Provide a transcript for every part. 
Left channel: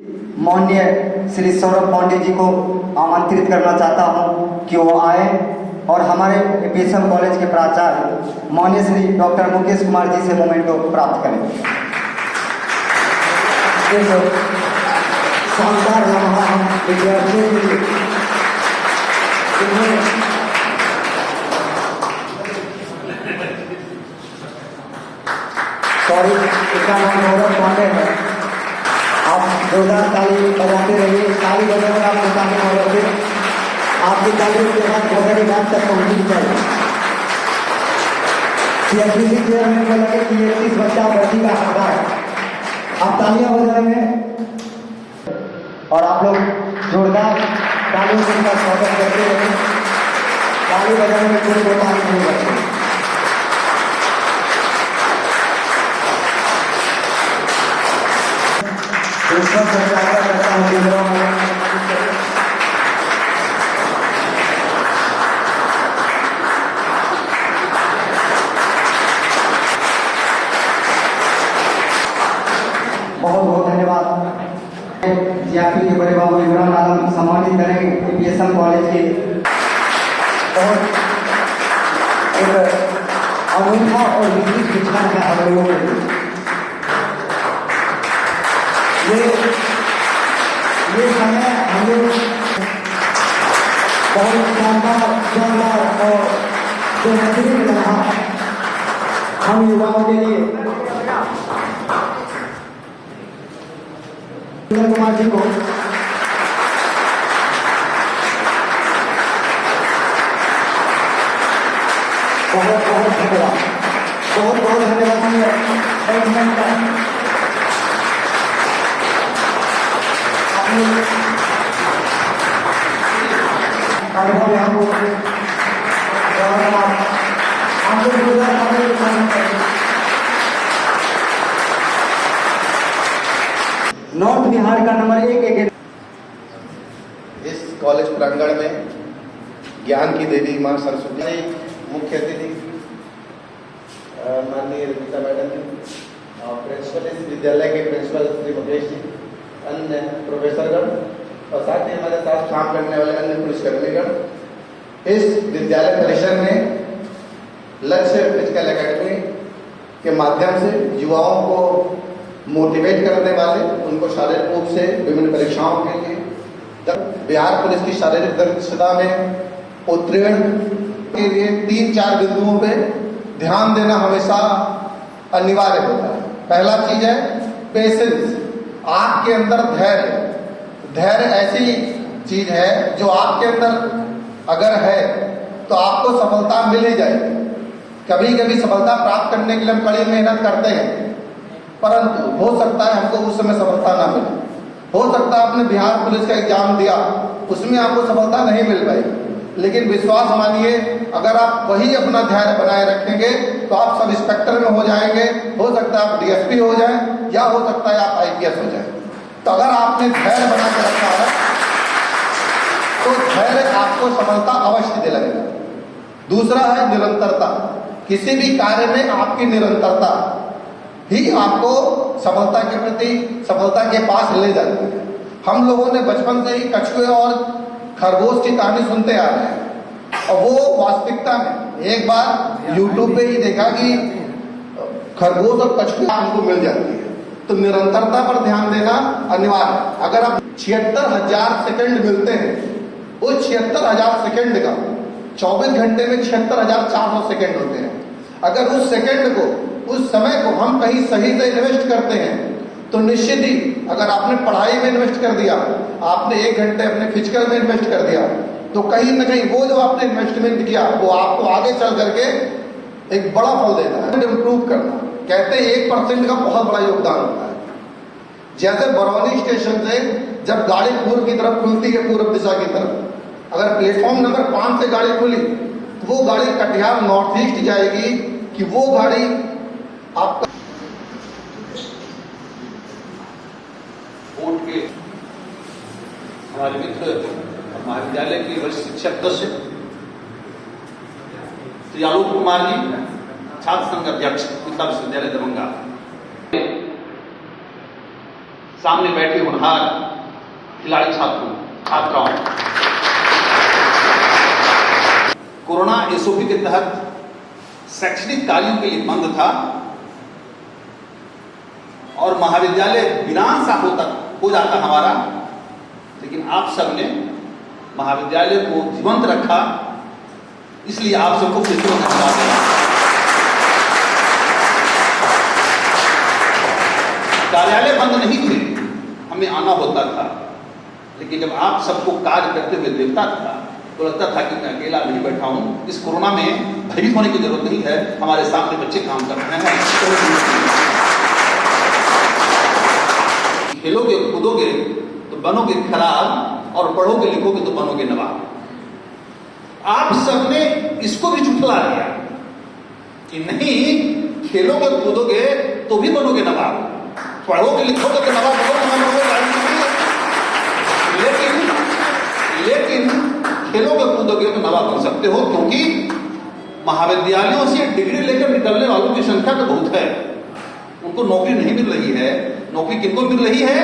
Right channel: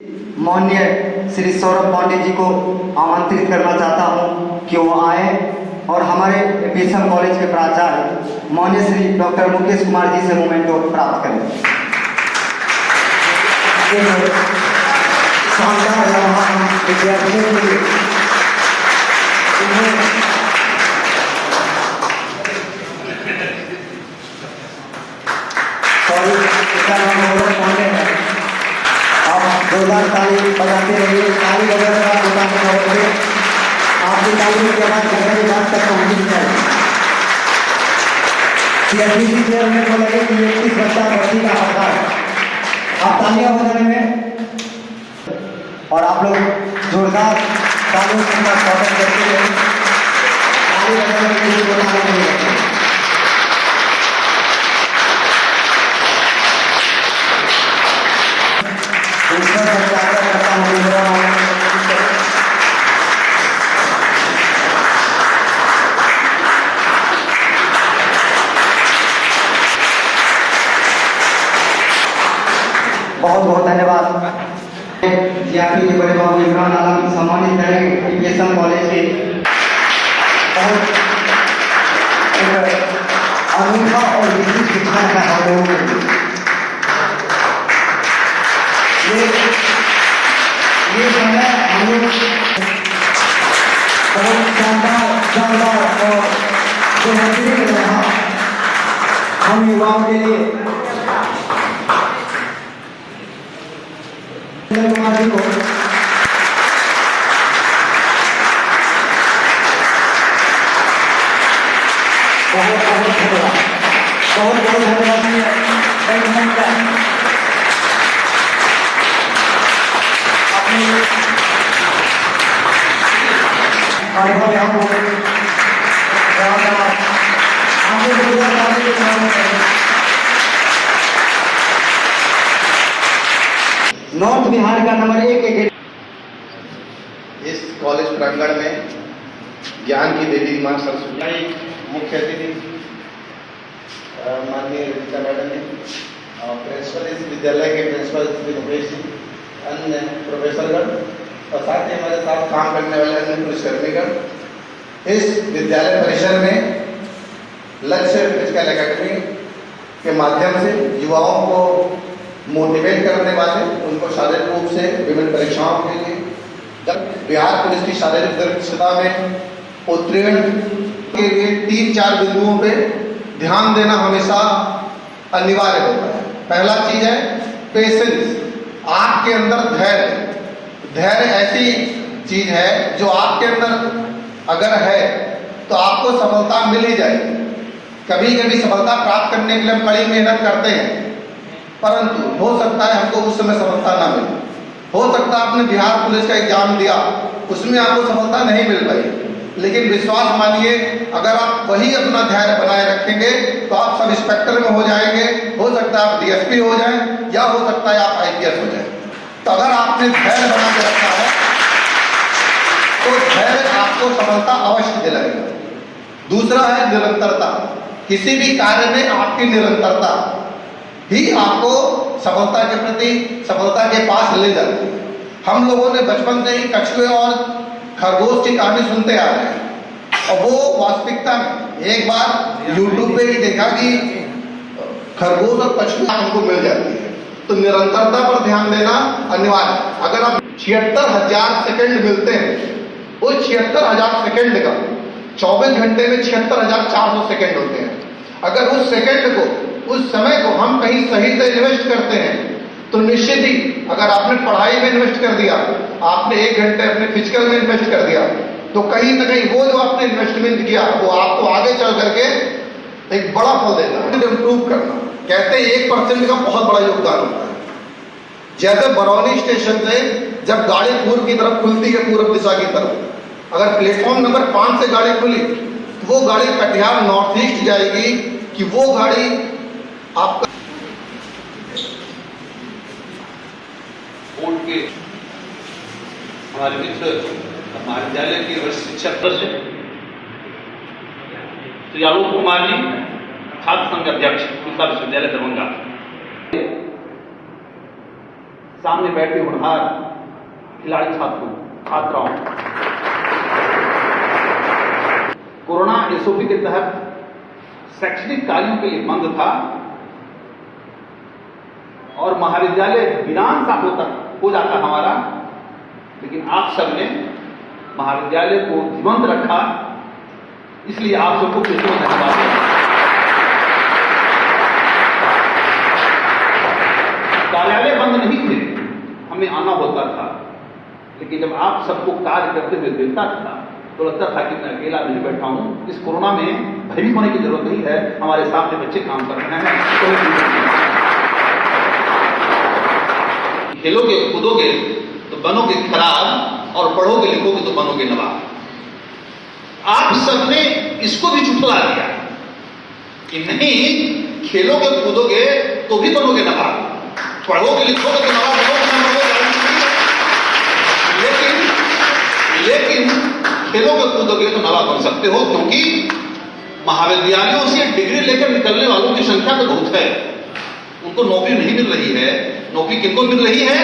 माननीय श्री सौरभ पांडे जी को आमंत्रित करना चाहता हूं कि वो आए और हमारे बीएसएम कॉलेज के प्राचार्य माननीय श्री डॉक्टर मुकेश कुमार जी से मोमेंटो प्राप्त करें। शानदार विद्यार्थियों के सॉरी इतना नाम सौरभ पांडे है। आप जोरदार ताली बजाते रहिए, ताली बजाने का मुकाम होते आपकी ताली के बाद मेरी बात तक पहुंचनी चाहिए। सीएसबीसी चेयरमैन को लगे कि 31 बच्चा बढ़ती का हकदार, आप तालियां बजाने में और आप लोग जोरदार तालियों से उनका स्वागत करते रहे। ताली बजाने में किसी को ताली नहीं लगती। दूसरा प्रचार करता हूँ बहुत बहुत धन्यवाद। जीआरपी के बड़े बाबू इमरान आलम सम्मानित करेंगे बीएसएम कॉलेज के बहुत एक अनूठा और विशिष्ट विचार का हम लोगों को ये समय हम लोग बहुत शानदार और बेहतरीन रहा हम युवाओं के लिए। कुमार जी को बहुत बहुत धन्यवाद, बहुत बहुत धन्यवाद। नॉर्थ बिहार का नंबर 1 इस कॉलेज प्रांगण में ज्ञान की देवी मां सरस्वती मुख्य अतिथि माननीय रीता मैडम जी, प्रिंसिपल इस विद्यालय के प्रिंसिपल श्री रमेश जी, अन्य प्रोफेसरगण और साथ ही हमारे साथ काम करने वाले अन्य पुलिसकर्मीगण। इस विद्यालय परिसर में लक्ष्य फिजिकल एकेडमी के माध्यम से युवाओं को मोटिवेट करने वाले, उनको शारीरिक रूप से विभिन्न परीक्षाओं के लिए बिहार पुलिस की शारीरिक दक्षता में उत्तीर्ण के लिए 3-4 बिंदुओं पे ध्यान देना हमेशा अनिवार्य होता है। पहला चीज है पेशेंस, आपके अंदर धैर्य ऐसी चीज है जो आपके अंदर अगर है तो आपको सफलता मिल ही जाएगी। कभी कभी सफलता प्राप्त करने के लिए हम कड़ी मेहनत करते हैं, परंतु हो सकता है हमको उस समय सफलता ना मिले। हो सकता है आपने बिहार पुलिस का एग्जाम दिया, उसमें आपको सफलता नहीं मिल पाई, लेकिन विश्वास मानिए अगर आप वही अपना धैर्य बनाए रखेंगे तो आप सब इंस्पेक्टर में हो जाएंगे, हो सकता है आप डीएसपी हो जाएं या हो सकता है आप आईपीएस हो जाएं। तो अगर आपने धैर्य बना के रखा है तो धैर्य आपको सफलता अवश्य दिलाएगा। दूसरा है निरंतरता, किसी भी कार्य में आपकी निरंतरता ही आपको सफलता के प्रति सफलता के पास ले जाती है। हम लोगों ने बचपन से ही कछुए और खरगोश की कहानी सुनते आ रहे हैं और वो वास्तविकता में एक बार यूट्यूब पे ही देखा कि खरगोश और कछुए हमको मिल जाती है। तो निरंतरता पर ध्यान देना अनिवार्य। अगर आप 76,000 सेकंड मिलते हैं, वो 76,000 सेकंड का 24 घंटे में 76,400 सेकंड होते हैं। अगर उस सेकंड को, उस समय को हम कहीं सही से इन्वेस्ट करते हैं तो निश्चित ही अगर आपने पढ़ाई में इन्वेस्ट कर दिया, आपने 1 घंटे अपने फिजिकल में इन्वेस्ट कर दिया, तो कहीं ना कहीं वो जो आपने इन्वेस्टमेंट किया वो आपको आगे चल करके एक बड़ा फल देता है। इम्प्रूव करना, कहते हैं 1% का बहुत बड़ा योगदान होता है। जैसे बरौनी स्टेशन से जब गाड़ी पूर्व की तरफ खुलती है, पूर्व दिशा की तरफ, अगर प्लेटफॉर्म नंबर 5 से गाड़ी खुली तो वो गाड़ी कटिहार नॉर्थ ईस्ट जाएगी कि वो गाड़ी आपका बोर्ड के हमारे मित्र महाविद्यालय के वरिष्ठ शिक्षक सदस्य श्री आलोक कुमार जी, छात्र संघ अध्यक्ष विश्वविद्यालय दरभंगा, सामने बैठे होनहार खिलाड़ी छात्राओं, कोरोना एसओपी के तहत शैक्षणिक कार्यों के लिए बंद था और महाविद्यालय वीरान सा हो जाता हमारा, लेकिन आप सबने महाविद्यालय को जीवंत रखा, इसलिए आप सबको फिर से धन्यवाद देना। कार्यालय बंद नहीं थे, हमें आना होता था, लेकिन जब आप सबको कार्य करते हुए देखता था तो लगता था कि मैं अकेला नहीं बैठा हूं। इस कोरोना में भयभीत होने की जरूरत नहीं है, हमारे सामने बच्चे काम कर रहे हैं। खेलोगे कूदोगे तो बनोगे खिलाड़ी और पढ़ोगे लिखोगे तो बनोगे नवाब। आप सबने इसको भी झुठला दिया कि नहीं, खेलोगे कूदोगे तो भी बनोगे नवाब, पढ़ोगे लिखोगे तो नवाब बनोगे। लेकिन खेलोगे कूदोगे तो नवाब बन सकते हो, क्योंकि महाविद्यालयों से डिग्री लेकर निकलने वालों की संख्या तो बहुत है, उनको नौकरी नहीं मिल रही है। नौकरी किनको मिल रही है?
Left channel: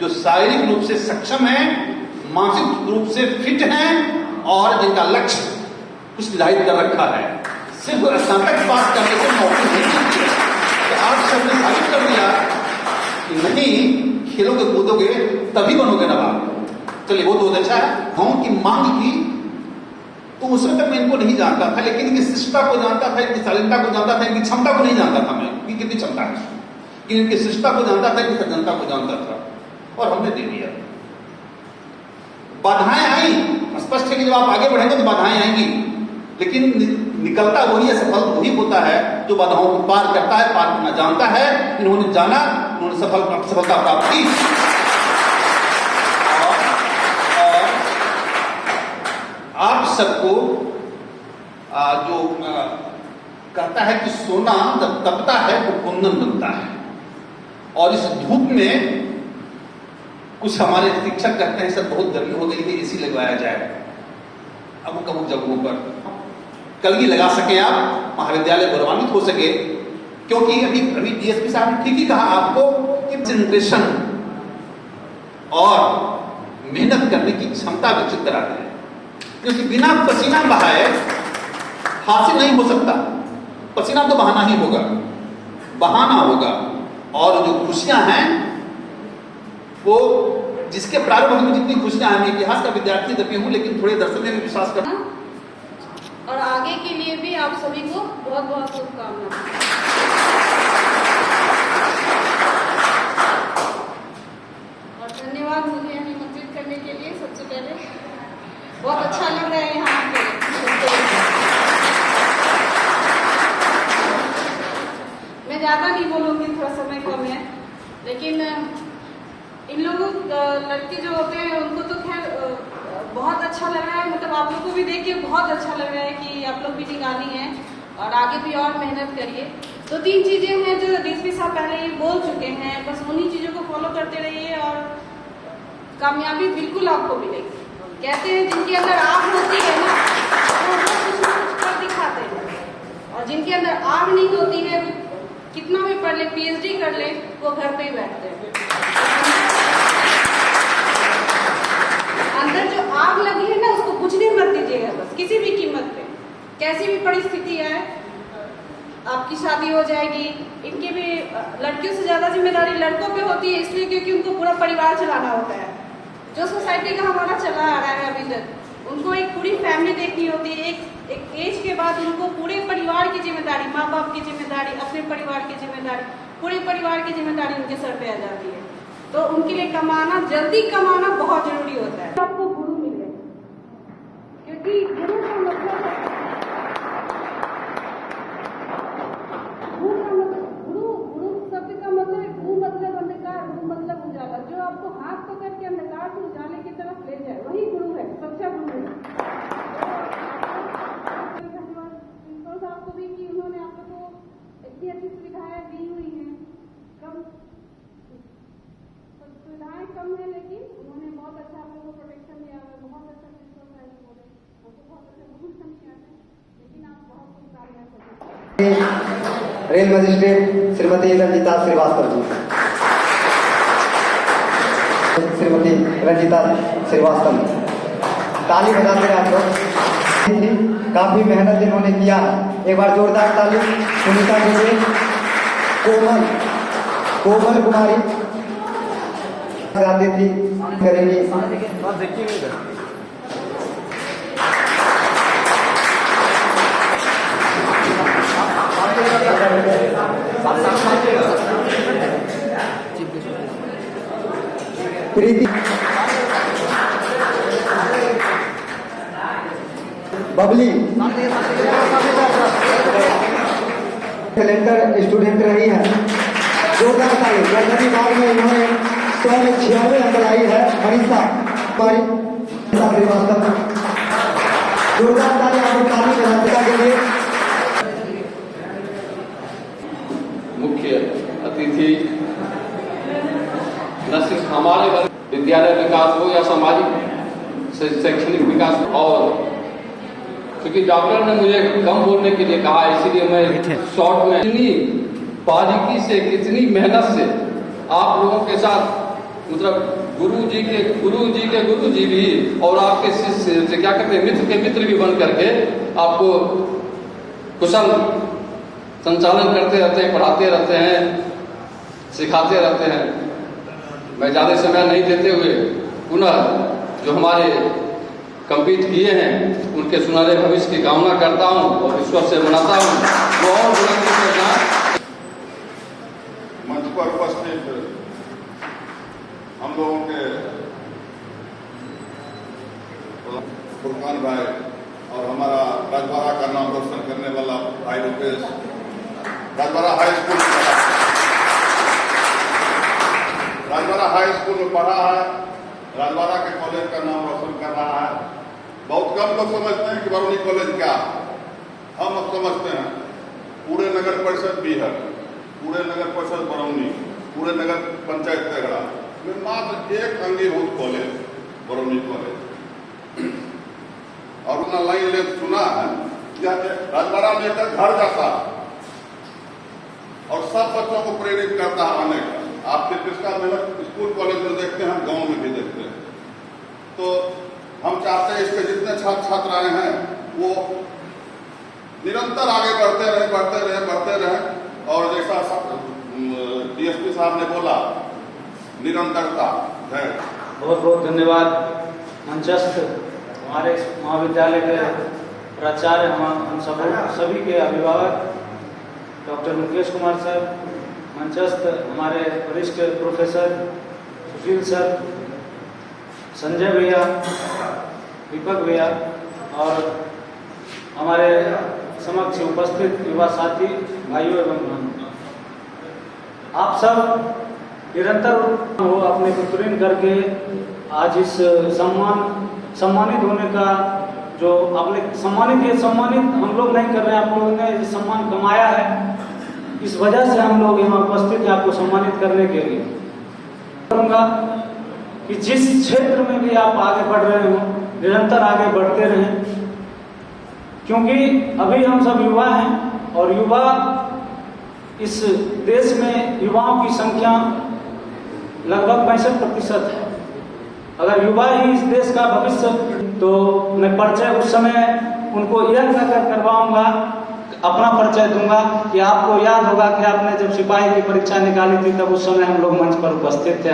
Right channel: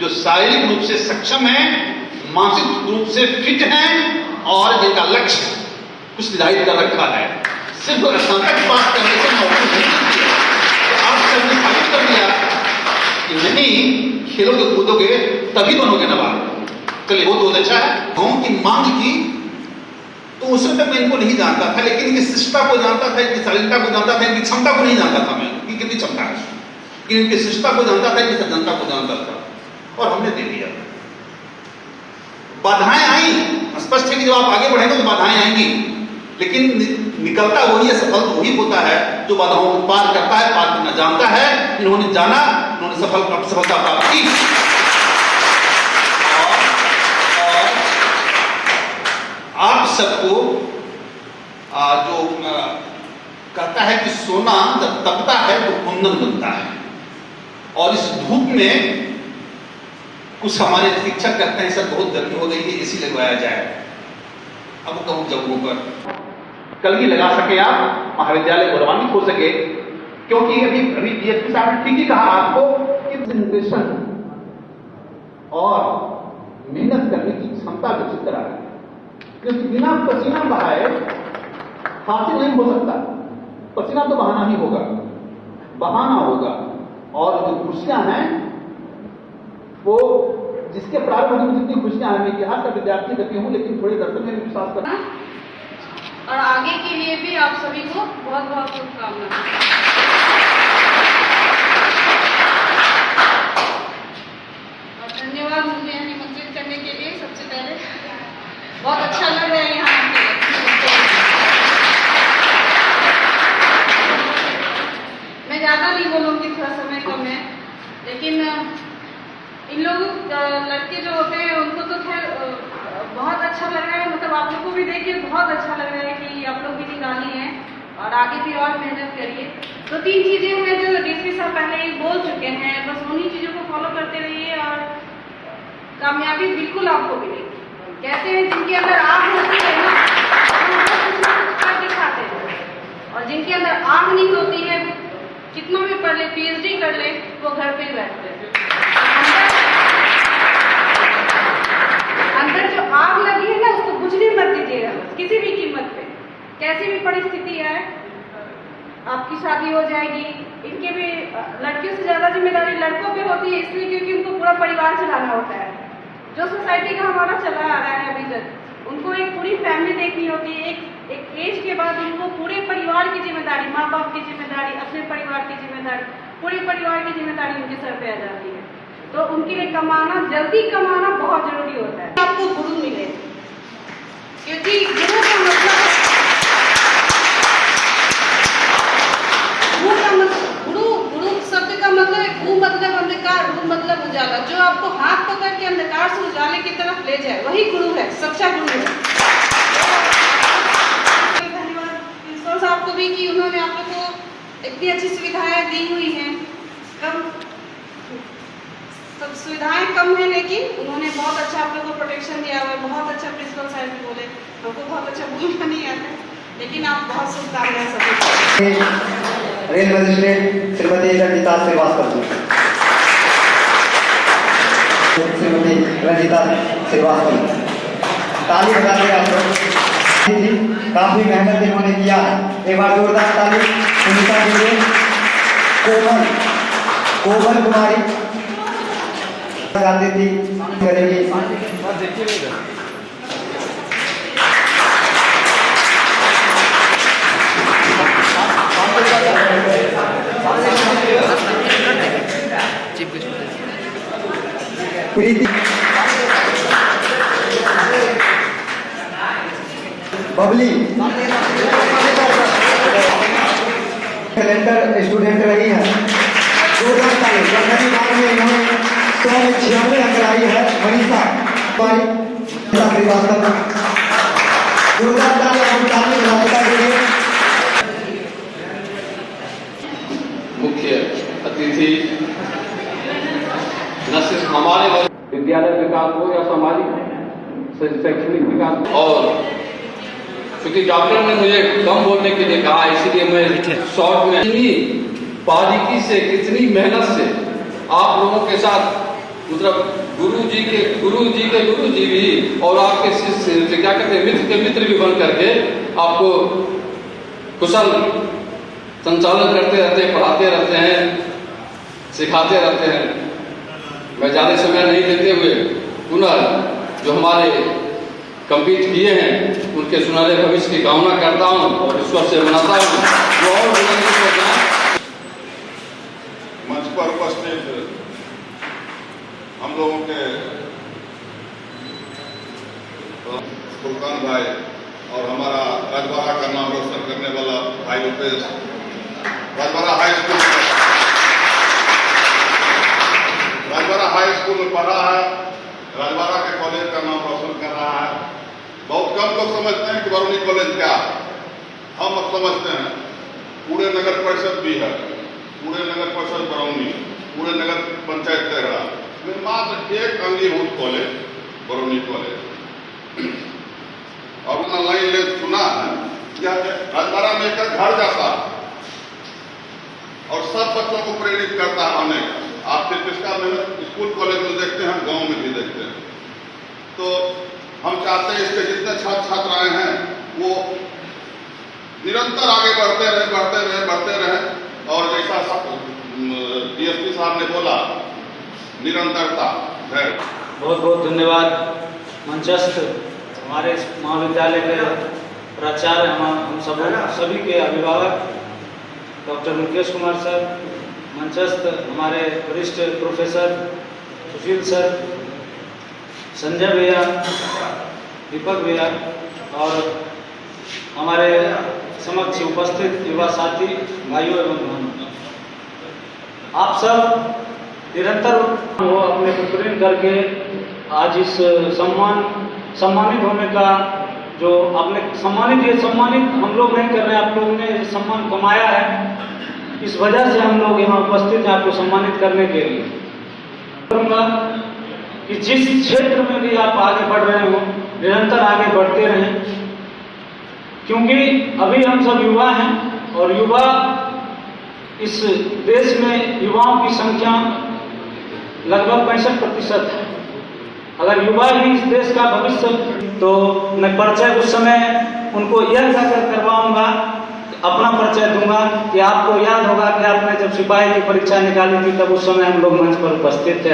जो शारीरिक रूप से सक्षम है, मानसिक रूप से फिट हैं और जिनका लक्ष्य कुछ निर्धारित कर रखा है। सिर्फ स्नातक पास करने से नौकरी नहीं मिलती है। तो आप सबने साबित कर दिया कि नहीं, खेलोगे कूदोगे तभी बनोगे नवाब। चलिए वो तो अच्छा है। गाँव की मांग की तो उस समय तक मैं इनको नहीं जानता था, लेकिन इनकी शिष्टता को जानता था, इनकी शालीनता को जानता था, इनकी क्षमता को नहीं जानता था मैं कि कितनी क्षमता है, लेकिन इनकी शिष्टता को जानता था, इनकी सज्जनता को जानता था, और हमने दे दिया। बाधाएं आई, स्पष्ट है कि जब आप आगे बढ़ेंगे तो बाधाएं आएंगी, लेकिन निकलता वही है, सफल वही होता है जो बाधाओं को पार करता है, पार करना जानता है। इन्होंने जाना, इन्होंने सफलता प्राप्त की। और आप सबको जो कहता है कि सोना जब तपता है तो कुंदन बनता है, और इस धूप में कुछ हमारे शिक्षक कहते हैं सर बहुत गर्मी हो गई है, एसी लगवाया जाए। अब कहूँ जगहों पर कलगी लगा सके, आप महाविद्यालय गौरवान्वित हो सके, क्योंकि अभी डीएसपी साहब ने ठीक ही कहा आपको कि जनरेशन और मेहनत करने की क्षमता विकसित कराते हैं, क्योंकि बिना पसीना बहाए हासिल नहीं हो सकता। पसीना तो बहाना ही होगा, बहाना होगा। और जो खुशियां हैं वो जिसके प्रारंभ में जितनी खुशियां हैं, इतिहास का विद्यार्थी जब हूं, लेकिन थोड़े दर्शकों में विश्वास करना। और आगे के लिए भी आप सभी को बहुत बहुत शुभकामनाएं। और धन्यवाद मुझे निमंत्रित करने के लिए। सबसे पहले बहुत अच्छा लग रहा है यहाँ पे। मैं ज़्यादा नहीं बोलूँगी, थोड़ा समय कम है, लेकिन इन लोगों लड़के जो होते हैं उनको तो खैर बहुत अच्छा लग रहा है, मतलब आप लोग को भी देख के बहुत अच्छा लग रहा है कि आप लोग भी निकाली हैं और आगे भी और मेहनत करिए। तो 3 चीज़ें हैं जो डीएसपी साहब पहले ही बोल चुके हैं, बस उन्हीं चीज़ों को फॉलो करते रहिए और कामयाबी बिल्कुल आपको मिलेगी। कहते हैं जिनके अंदर आग होती है ना, वो कुछ ना कुछ कर दिखाते हैं, और जिनके अंदर आग नहीं होती है, कितना भी पढ़ ले, PhD कर ले, वो घर पे ही बैठते हैं। अंदर जो आग लगी है ना, उसको बुझने मत दीजिएगा, बस किसी भी कीमत पे, कैसी भी परिस्थिति आए। आपकी शादी हो जाएगी, इनके भी लड़कियों से ज़्यादा जिम्मेदारी लड़कों पे होती है, इसलिए क्योंकि उनको पूरा परिवार चलाना होता है। जो सोसाइटी का हमारा चला आ रहा है अभी तक, उनको एक पूरी फैमिली देखनी होती है। एक एज के बाद उनको पूरे परिवार की जिम्मेदारी, माँ बाप की जिम्मेदारी, अपने परिवार की जिम्मेदारी, पूरे परिवार की जिम्मेदारी उनके सर पे आ जाती है। तो उनके लिए कमाना, जल्दी कमाना बहुत जरूरी होता है। आपको गुरु मिले, क्योंकि गुरु का मतलब गुरु शब्द का मतलब है गु मतलब अंधकार, रू मतलब उजाला। जो आपको हाथ पकड़ के अंधकार से उजाले की तरफ ले जाए, वही गुरु है, सच्चा गुरु है। धन्यवाद प्रिंसिपल साहब को भी कि उन्होंने आप लोग को इतनी अच्छी सुविधाएं दी हुई हैं। सब सुविधाएं कम है, लेकिन उन्होंने बहुत अच्छा आप लोगों को प्रोटेक्शन दिया हुआ है। बहुत अच्छा प्रिंसिपल साहब भी बोले, हमको बहुत अच्छा बोलना नहीं आता, लेकिन आप बहुत शुभकामनाएं सभी। Rail magistrate Shrimati Ranjita Srivastava ji. श्रीमती रंजिता श्रीवास्तव, ताली बजाते हैं आप लोग। काफी मेहनत इन्होंने किया है, एक बार जोरदार ताली। सुनीता जी, कोमल कुमारी गाती थी करेगी। प्रीति, बबली कैलेंडर स्टूडेंट रही है। 2000 साल जनवरी माह में इन्होंने 196 अंक लाई है। मनीषा श्रीवास्तव, जोरदार ताली के लिए। मुख्य अतिथि न सिर्फ हमारे विद्यालय विकास हो या सामाजिक शैक्षणिक विकास, और क्योंकि डॉक्टर ने मुझे कम बोलने के लिए कहा, इसलिए मैं शॉर्ट में इतनी बारीकी से, कितनी मेहनत से आप लोगों के साथ, मतलब गुरु जी के गुरु जी भी और आपके शिष्य क्या कहते हैं, मित्र के मित्र भी बन करके आपको कुशल संचालन करते रहते हैं, पढ़ाते रहते हैं, सिखाते रहते हैं। मैं ज़्यादा समय नहीं देते हुए पुनः जो हमारे कंप्लीट किए हैं उनके सुनहरे भविष्य की कामना करता हूं और ईश्वर से मनाता हूं वो और बुलंदी पे जाएं। मंच पर उपस्थित हम लोगों के फुरकान भाई और हमारा राजबाड़ा का नाम रोशन करने वाला भाई रुपेश, राजबाड़ा हाई स्कूल में पढ़ा है, राजबाड़ा के कॉलेज का नाम रोशन कर रहा है। बहुत कम लोग समझते हैं कि बरौनी कॉलेज क्या है, हम अब समझते हैं। पूरे नगर परिषद भी है, पूरे नगर परिषद बरौनी, पूरे नगर पंचायत तेघड़ा में मात्र एक अंगीभूत कॉलेज बरौनी कॉलेज। और अपना लाइन ले सुना है राजबाड़ा में एक घर जैसा और सब बच्चों को प्रेरित करता है आने का। आप सिर्फ इसका मेहनत स्कूल कॉलेज में देखते हैं, गांव में भी देखते हैं। तो हम चाहते हैं इसके जितने छात्र छात्राएं हैं वो निरंतर आगे बढ़ते रहे और जैसा डीएसपी साहब ने बोला, निरंतरता है। बहुत बहुत धन्यवाद। मंचस्थ हमारे महाविद्यालय के प्राचार्य, हम सभी के अभिभावक डॉक्टर मुकेश कुमार सर, मंचस्थ हमारे वरिष्ठ प्रोफेसर सुशील सर, संजय भैया, दीपक भैया और हमारे समक्ष उपस्थित युवा साथी भाइयों एवं बहनों, आप सब निरंतर वो अपने प्रेरण करके आज इस सम्मानित होने का जो आपने सम्मानित हम लोग नहीं कर रहे हैं, आप लोगों ने सम्मान कमाया है, इस वजह से हम लोग यहाँ उपस्थित हैं आपको सम्मानित करने के लिए। करूँगा कि जिस क्षेत्र में भी आप आगे बढ़ रहे हो निरंतर आगे बढ़ते रहें, क्योंकि अभी हम सब युवा हैं और युवा इस देश में युवाओं की संख्या लगभग 65% है। अगर युवा ही इस देश का भविष्य, तो मैं परिचय उस समय उनको यह कहकर करवाऊंगा, अपना परिचय दूंगा कि आपको याद होगा कि आपने जब सिपाही की परीक्षा निकाली थी तब उस समय हम लोग मंच पर उपस्थित थे।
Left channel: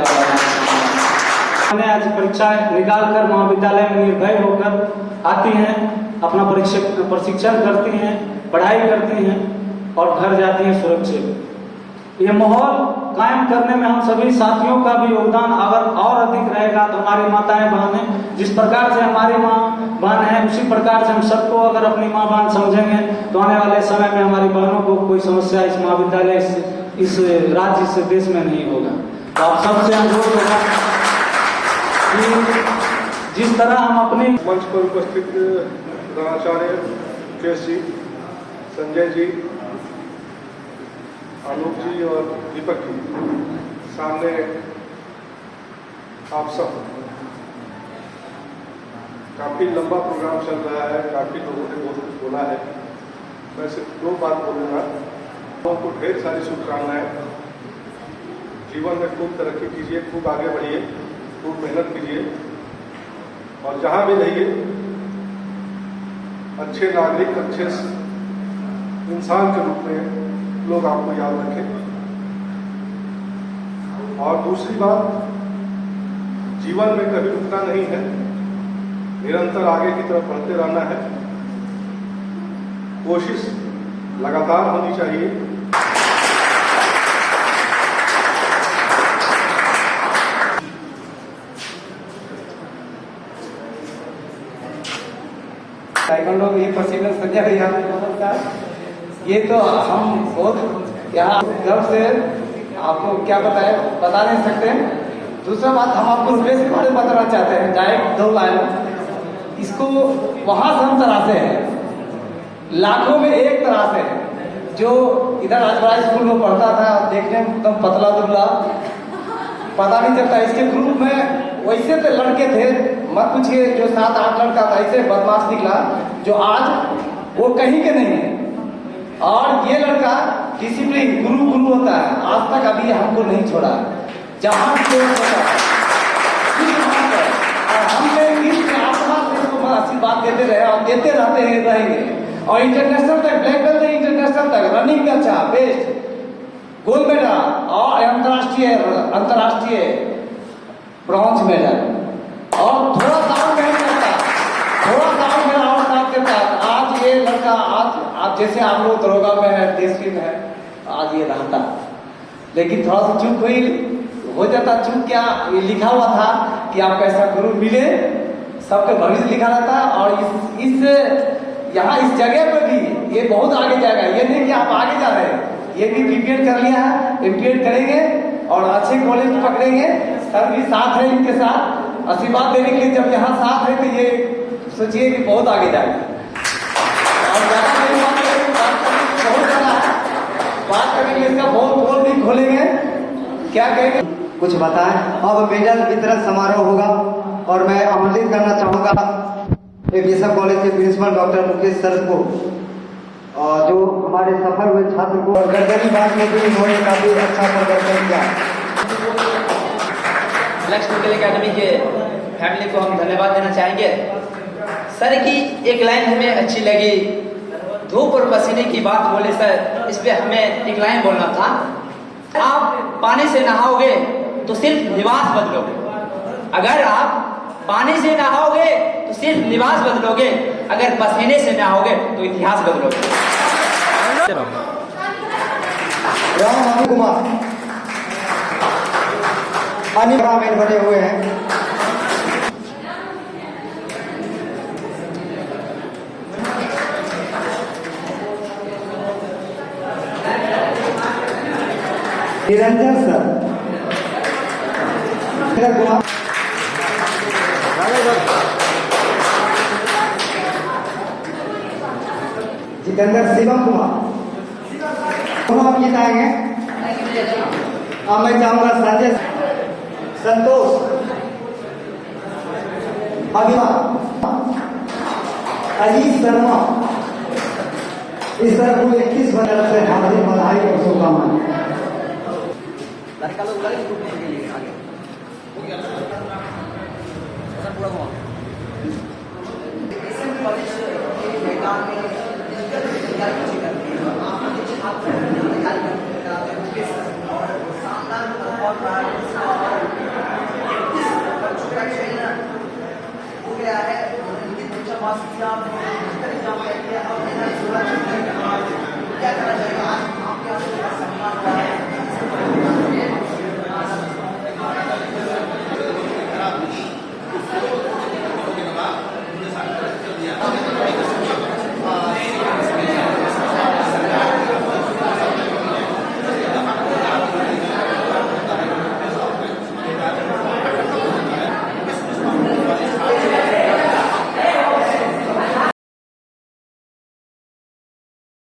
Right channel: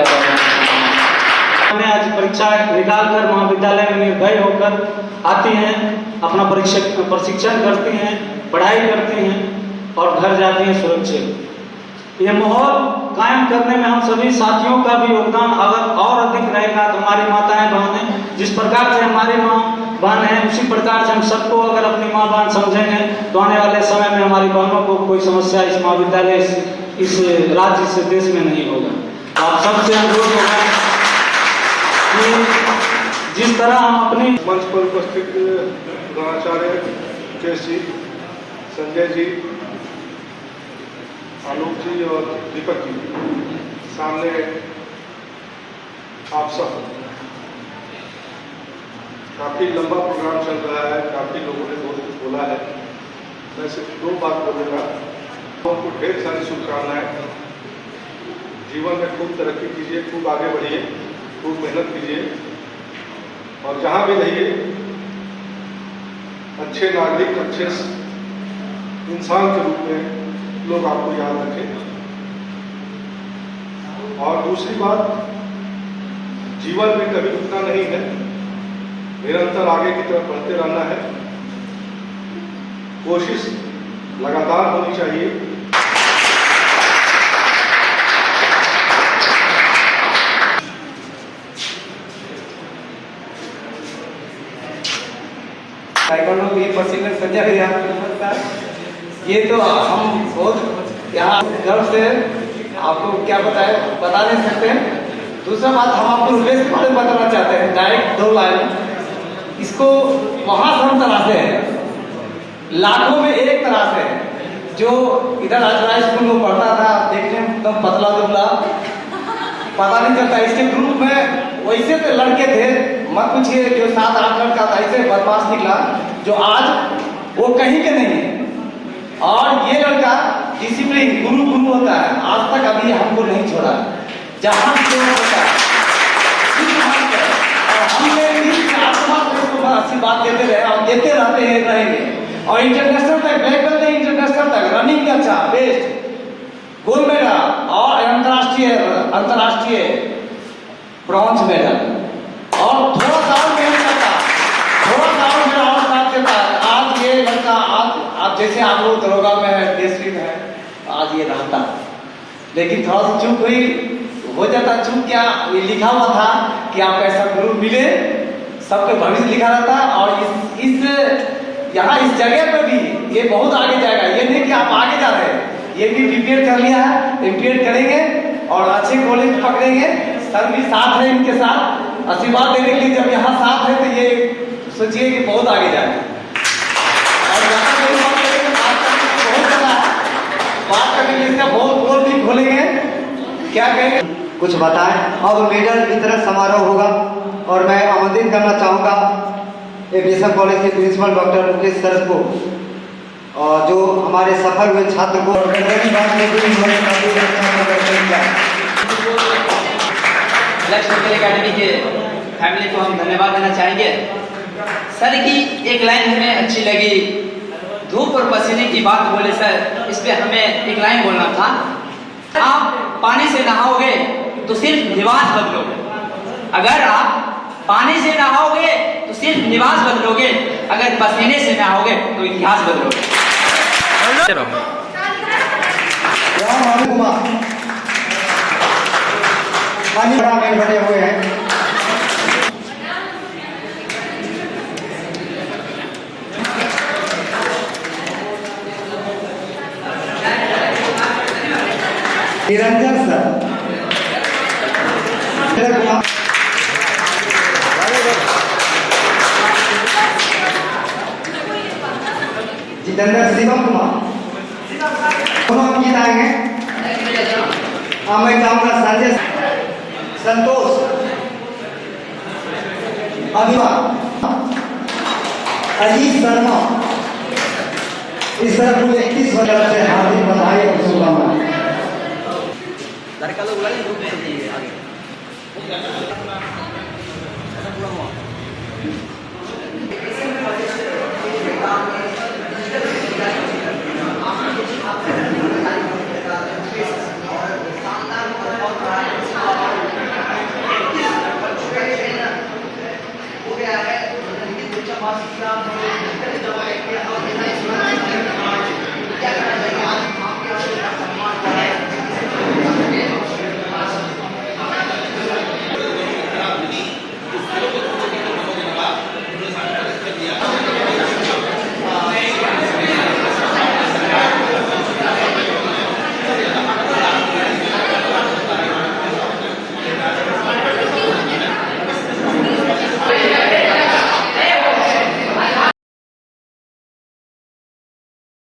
हमें आज परीक्षा निकाल कर महाविद्यालय में निर्भय होकर आती हैं, अपना प्रशिक्षण करती हैं, पढ़ाई करती हैं और घर जाती हैं सुरक्षित। ये माहौल कायम करने में हम सभी साथियों का भी योगदान अगर और अधिक रहेगा तो हमारी माताएं बहनें, जिस प्रकार से हमारी माँ बहन है उसी प्रकार से हम सबको अगर अपनी माँ बहन समझेंगे तो आने वाले समय में हमारी बहनों को कोई समस्या इस महाविद्यालय, इस राज्य, इस देश में नहीं होगा। तो आप सबसे अनुरोध होगा कि जिस तरह हम अपनी मंच पर उपस्थित प्रधानाचार्य मुकेश जी, संजय जी, आलोक जी और दीपक जी, सामने आप सब, काफ़ी लंबा प्रोग्राम चल रहा है, काफ़ी लोगों ने बहुत कुछ बोला है। मैं सिर्फ 2 बात बोलूँगा। लोगों को ढेर सारी शुभकामनाएं, जीवन में खूब तरक्की कीजिए, खूब आगे बढ़िए खूब मेहनत कीजिए और जहाँ भी रहिए अच्छे नागरिक, अच्छे इंसान के रूप में लोग आपको याद रखें। और दूसरी बात, जीवन में कभी रुकना नहीं है, निरंतर आगे की तरफ बढ़ते रहना है। कोशिश लगातार होनी चाहिए। ताइक्वांडो की पसीने सजा है यहाँ पे नमस्कार। ये तो हम बहुत यहाँ गर्व से आपको क्या बताए बता नहीं सकते। दूसरा बात, हम आपको उद्देश्य के बारे में बताना चाहते हैं, डायरेक्ट 2 लाइन। इसको वहाँ से हम तराशे हैं, लाखों में एक तरह से। जो इधर अजरा स्कूल में पढ़ता था, देखने में एकदम पतला दुबला, पता नहीं चलता। इसके ग्रुप में वैसे तो लड़के थे, मत पूछिए, जो 7-8 लड़का था, ऐसे बदमाश निकला जो आज वो कहीं के नहीं है। और ये लड़का डिसिप्लिन गुरु होता है, आज तक अभी हमको नहीं छोड़ा। जहाँ भी जो होता है और हमने आशीर्वाद देते रहे और देते रहते हैं, रहेंगे। और इंटरनेशनल तक, ब्लैक बेल्ट इंटरनेशनल तक रनिंग में अच्छा, बेस्ट, गोल्ड मेडल और अंतर्राष्ट्रीय ब्रॉन्ज मेडल। और थोड़ा सा और मेहनत करता, थोड़ा सा और मेरा और साथ देता, आज ये लड़का, आज जैसे आप लोग दरोगा में है, डीएसपी में है, आज ये रहता। लेकिन थोड़ा सा चूक हुई, हो जाता। चूक क्या, ये लिखा हुआ था कि आपको ऐसा गुरु मिले, सबके भविष्य लिखा रहता। और इस यहाँ इस जगह पे भी ये बहुत आगे जाएगा। ये नहीं कि आप आगे जा रहे हैं, ये भी बीपीएड कर लिया है, एमपीएड करेंगे और अच्छे कॉलेज पकड़ेंगे। सर भी साथ है, इनके साथ आशीर्वाद देने के लिए। जब यहाँ साथ है तो ये सोचिए कि बहुत आगे जाएगा। और ज़्यादा कोई बात करेंगे, बात करने की बहुत ज़्यादा है, बात करने के लिए इसका बहुत बोल भी खोलेंगे। क्या कहेंगे, कुछ बताएं। अब मेडल वितरण समारोह होगा और मैं आमंत्रित करना चाहूँगा बीएसएफ कॉलेज के प्रिंसिपल डॉक्टर मुकेश सर को, और जो हमारे सफल हुए छात्र को। और गजबी बात में भी इन्होंने काफी अच्छा प्रदर्शन किया। ब्लैक मेटल एकेडमी के फैमिली को हम धन्यवाद देना चाहेंगे। सर की एक लाइन हमें अच्छी लगी, धूप और पसीने की बात बोले सर, इस पे हमें एक लाइन बोलना था। आप पानी से नहाओगे तो सिर्फ लिबास बदलोगे, अगर आप पानी से नहाओगे तो सिर्फ लिबास बदलोगे, अगर पसीने से नहाओगे तो इतिहास बदलोगे। राम कुमार पानी में बने हुए हैं। निरंजन सर, कुमार, जितेंद्र शिवम कुमार, दोनों हम गीत आएंगे। मैं चाहूंगा संजय, संतोष, अभिमान, अजीत शर्मा, इस तरह कुल 31 वर्ष से हार्दिक बधाई और शुभकामनाएं। हो गया है, लेकिन